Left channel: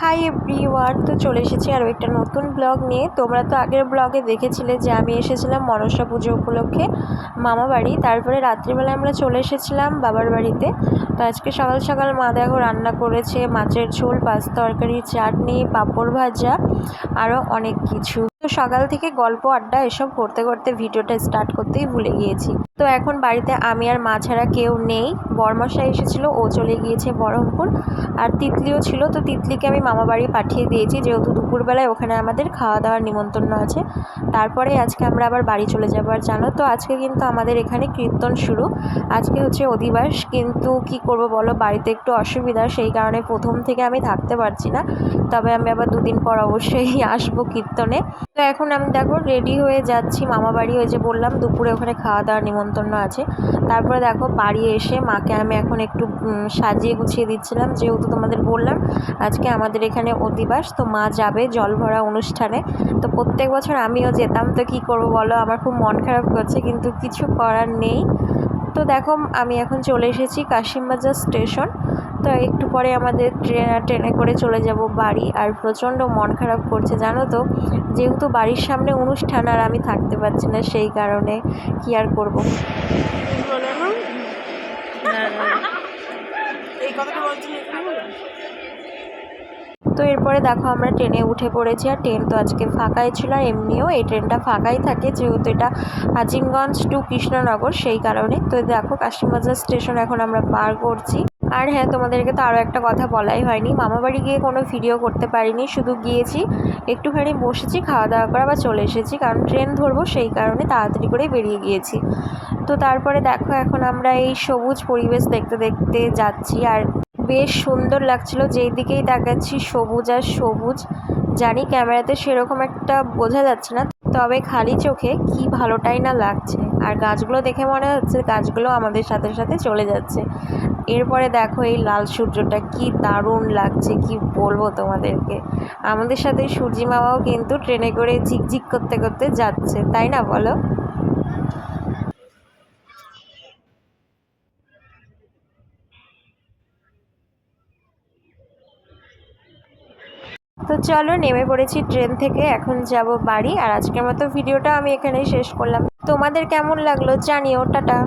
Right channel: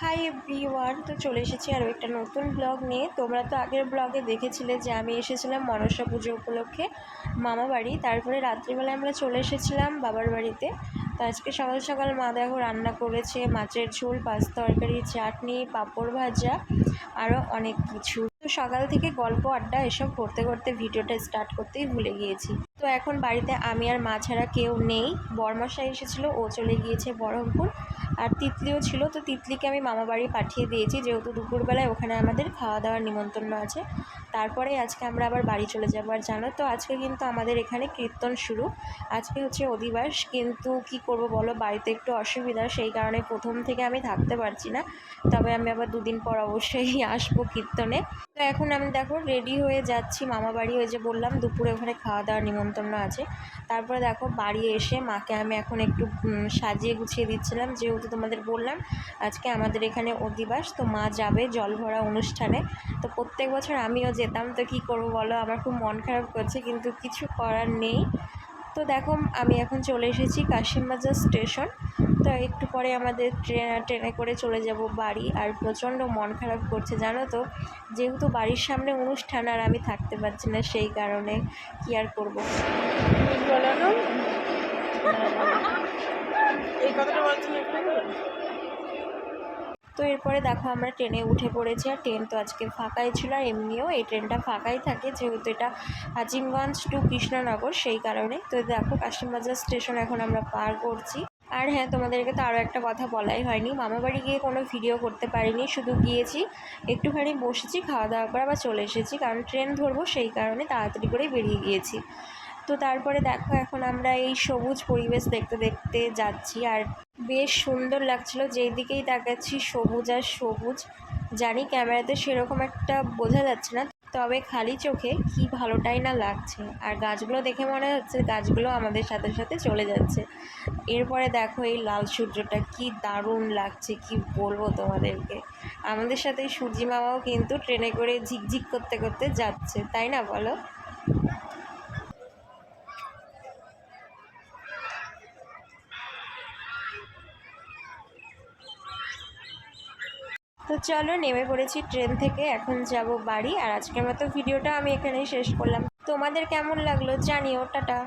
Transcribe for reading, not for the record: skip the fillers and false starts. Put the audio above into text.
Hi everyone, তো চলে এসেছি আরও একটা নতুন ব্লগ নিয়ে। তোমরা তো আগের ব্লগে দেখেছিলে যে আমি এসেছিলাম মনসা পুজো উপলক্ষে মামা বাড়ি। তারপরে রাত্রিবেলা আমরা চলে এসেছিলাম বাবার বাড়িতে। তো আজকে সকাল সকাল মা দেখো রান্না করেছে মাছের ঝোল, পাঁচ তরকারি, চাটনি, পাঁপড় ভাজা, আরও অনেক কিছু। তো সকাল থেকে গল্প আড্ডা এসব করতে করতে ভিডিওটা স্টার্ট করতেই ভুলে গিয়েছি। তো এখন বাড়িতে আমি আর মা ছাড়া কেউ নেই। বরমশাই এসেছিলো, ও চলে গিয়েছে বহরমপুর। আর তিতলিও ছিল, তো তিতলিকে আমি মামা বাড়ি পাঠিয়ে দিয়েছি, যেহেতু দুপুরবেলায় ওখানে আমাদের খাওয়া দাওয়ার নিমন্ত্রণ আছে। তারপরে আজকে আমরা আবার বাড়ি চলে যাবো। আর জানো তো আজকে কিন্তু আমাদের এখানে কীর্তন শুরু। আজকে হচ্ছে অধিবাস, কিন্তু কি করব বলো, বাড়িতে একটু অসুবিধা, সেই কারণে প্রথম থেকে আমি থাকতে পারছি না। তবে আমি আবার দুদিন পর অবশ্যই আসবো কীর্তনে। তো এখন আমি দেখো রেডি হয়ে যাচ্ছি মামা বাড়ি। ওই যে বললাম দুপুরে ওখানে খাওয়া দাওয়ার নিমন্ত্রণ আছে। তারপরে দেখো বাড়ি এসে মাকে আমি এখন একটু সাজিয়ে গুছিয়ে দিচ্ছিলাম, যেহেতু তোমাদের বললাম আজকে আমাদের এখানে অধিবাস। তো মা যাবে জল ভরা অনুষ্ঠানে। তো প্রত্যেক বছর আমিও যেতাম, তো কি করব বলো, আমার খুব মন খারাপ করছে, কিন্তু কিছু করার নেই। তো দেখো আমি এখন চলে এসেছি কাশিমবাজার স্টেশন। তো একটু পরে আমাদের ট্রেনে করে চলে যাব বাড়ি। আর প্রচণ্ড মন খারাপ করছে জানো তো, যেহেতু বাড়ির সামনে অনুষ্ঠান আর আমি থাকতে পারছি না, সেই কারণে কি আর করব। তো এরপরে দেখো আমরা ট্রেনে উঠে পড়েছি। আর ট্রেন তো আজকে ফাঁকাই ছিল, আর এমনিও এই ট্রেনটা ফাঁকাই থাকে, যেহেতু এটা আজিমগঞ্জ টু কৃষ্ণনগর, সেই কারণে। তো দেখো কাশিমবাজার স্টেশন এখন আমরা পার করছি। আর হ্যাঁ, তোমাদেরকে তো আরও একটা কথা বলাই হয়নি, মামাবাড়ি গিয়ে কোনো ভিডিও করতে পারিনি, শুধু গিয়েছি একটুখানি বসেছি, খাওয়া দাওয়া করে আবার চলে এসেছি, কারণ ট্রেন ধরবো, সেই কারণে তাড়াতাড়ি করে বেরিয়ে গিয়েছি। তো তারপরে দেখো এখন আমরা এই সবুজ পরিবেশ দেখতে দেখতে যাচ্ছি। আর বেশ সুন্দর লাগছিল, যেই দিকেই তাকাচ্ছি সবুজ আর সবুজ। জানি ক্যামেরাতে সেরকম একটা বোঝা যাচ্ছে না, তবে খালি চোখে কি ভালোটাই না লাগছে। আর গাছগুলো দেখে মনে হচ্ছে গাছগুলো আমাদের সাথে সাথে চলে যাচ্ছে। এরপরে দেখো এই লাল সূর্যটা কি দারুণ লাগছে, কি বলবো তোমাদেরকে। আমাদের সাথে সূর্যি মামাও কিন্তু ট্রেনে করে ঝিকঝিক করতে করতে যাচ্ছে, তাই না বলো? তো চলো নেমে পড়েছি ট্রেন থেকে, এখন যাব বাড়ি। আর আজকের মতো ভিডিওটা আমি এখানেই শেষ করলাম। তোমাদের কেমন লাগলো জানিও। টাটা।